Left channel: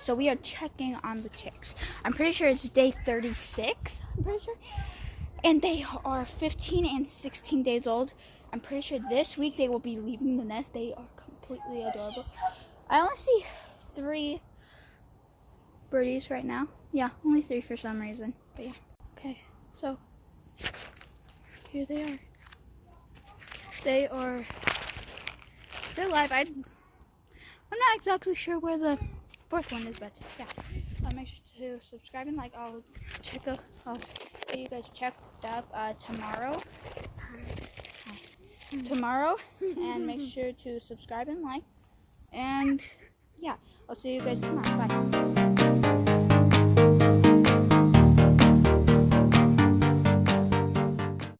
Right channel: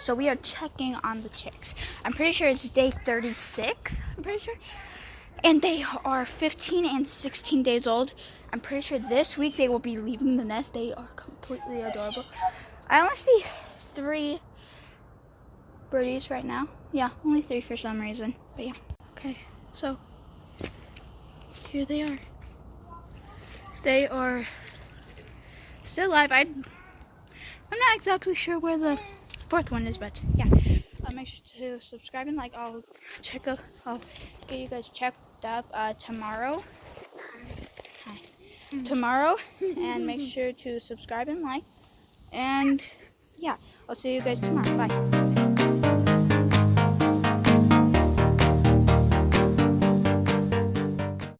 So we are checking on the chicks. I'm pretty sure it's day 36. I'm pretty sure. And they are 15 and 16 days old. I'm pretty sure this week they will be leaving the nest. They are completely adorable. I only see 3 birdies right now. Yeah, only 3 for some reason. But yeah. Okay, so here they are. They are still alive. I'm not exactly sure where the 4th one is, but yeah. Make sure to subscribe and like. I'll get you guys checked up tomorrow. Tomorrow, and make sure to subscribe and like. And yeah, I'll see you guys tomorrow. Bye.